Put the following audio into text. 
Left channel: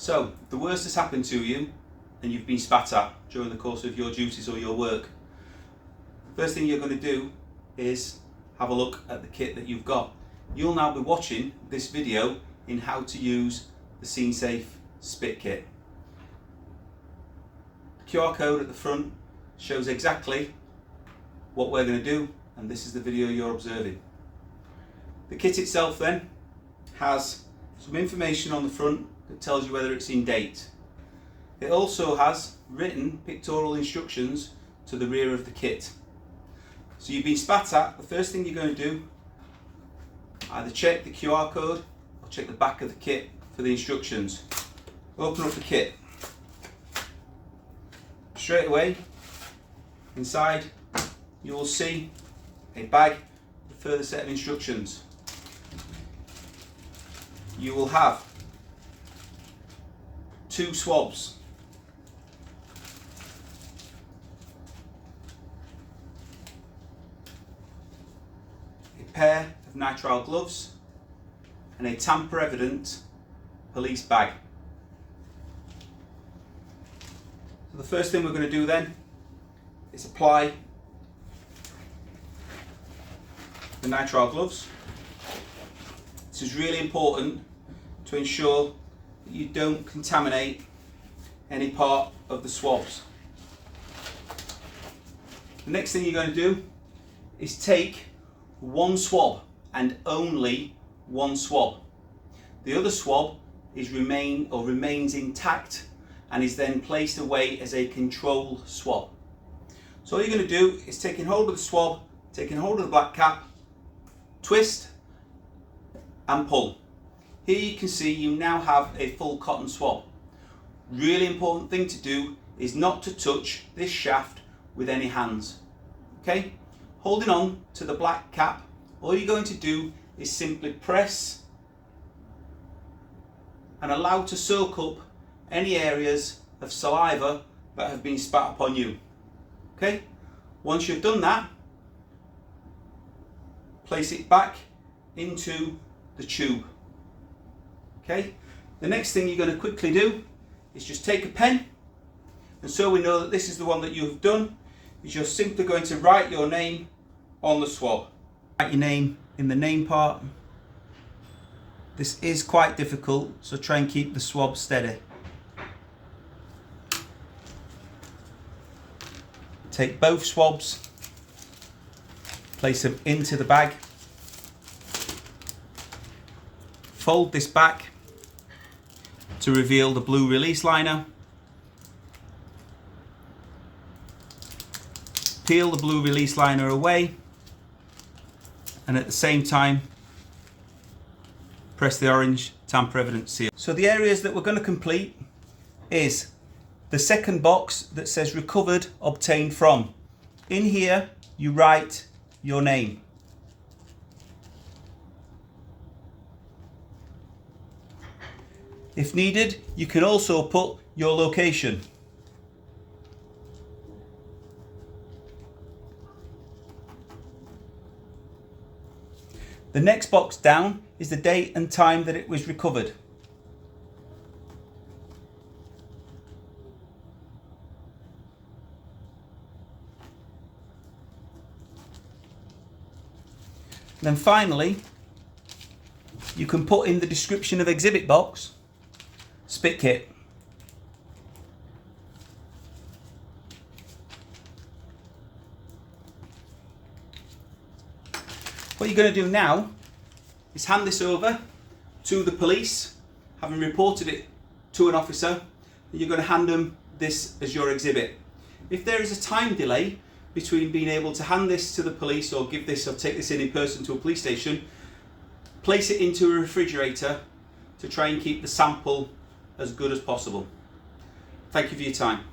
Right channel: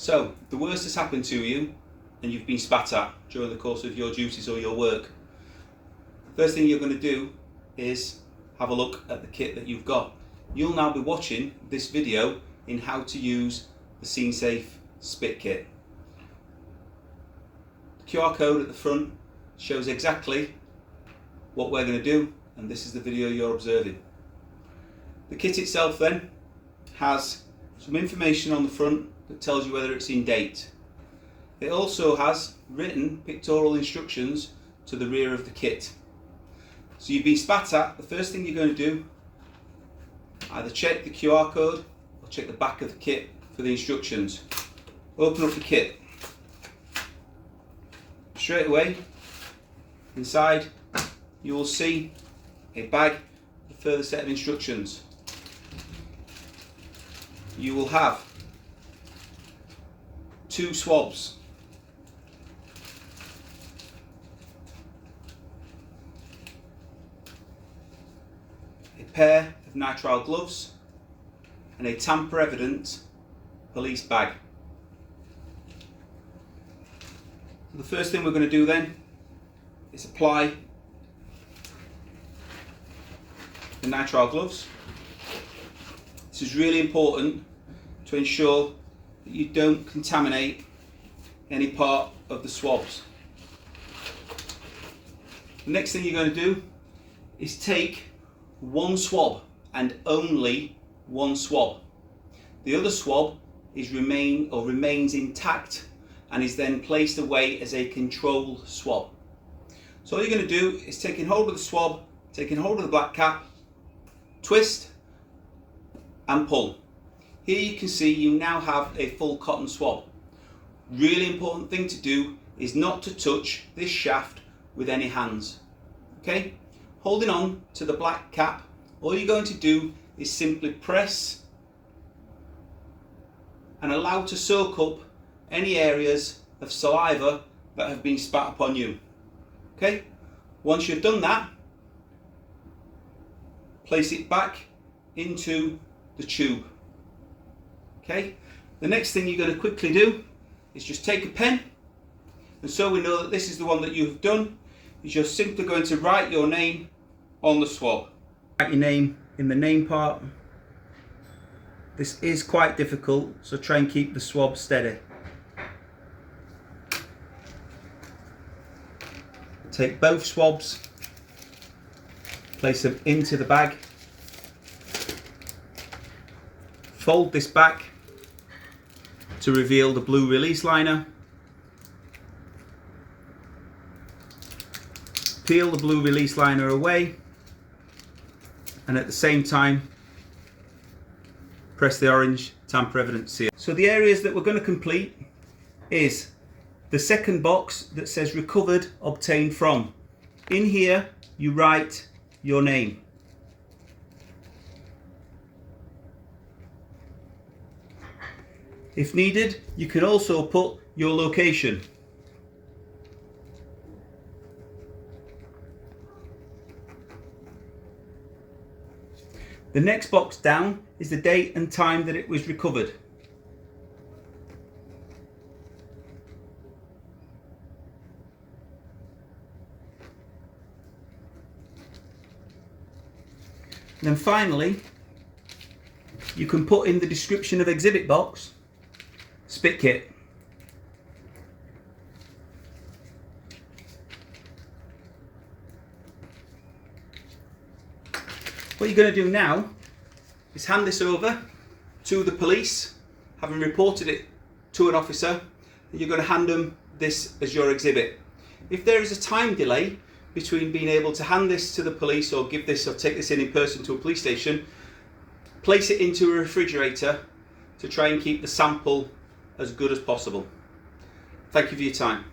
So, the worst has happened to you and you've been spat at during the course of your duties or your work. First thing you're going to do is have a look at the kit that you've got. You'll now be watching this video in how to use the SceneSafe Spit Kit. The QR code at the front shows exactly what we're going to do, and this is the video you're observing. The kit itself then has some information on the front that tells you whether it's in date. It also has written pictorial instructions to the rear of the kit. So you've been spat at, the first thing you're going to do, either check the QR code or check the back of the kit for the instructions. Open up the kit. Straight away, inside you will see a bag with a further set of instructions. You will have 2 swabs, a pair of nitrile gloves, and a tamper evident police bag. So the first thing we're going to do then is apply the nitrile gloves. This is really important to ensure that you don't contaminate any part of the swabs. The next thing you're going to do is take one swab and only one swab. The other swab remains intact and is then placed away as a control swab. So all you're going to do is taking hold of the swab, taking hold of the black cap, twist and pull. Here you can see you now have a full cotton swab. Really important thing to do is not to touch this shaft with any hands. Okay? Holding on to the black cap, all you're going to do is simply press and allow to soak up any areas of saliva that have been spat upon you. Okay? Once you've done that, place it back into the tube. Okay? The next thing you're going to quickly do is just take a pen, and so we know that this is the one that you have done, is you're simply going to write your name on the swab. Write your name in the name part. This is quite difficult, so try and keep the swab steady. Take both swabs, place them into the bag, fold this back to reveal the blue release liner, peel the blue release liner away, and at the same time press the orange tamper evident seal. So the areas that we're going to complete is the second box that says recovered, obtained from. In here you write your name. If needed, you can also put your location. The next box down is the date and time that it was recovered. Then finally, you can put in the description of exhibit box, spit kit. What you're going to do now is hand this over to the police, having reported it to an officer, and you're going to hand them this as your exhibit. If there is a time delay between being able to hand this to the police or give this or take this in person to a police station, place it into a refrigerator to try and keep the sample as good as possible. Thank you for your time.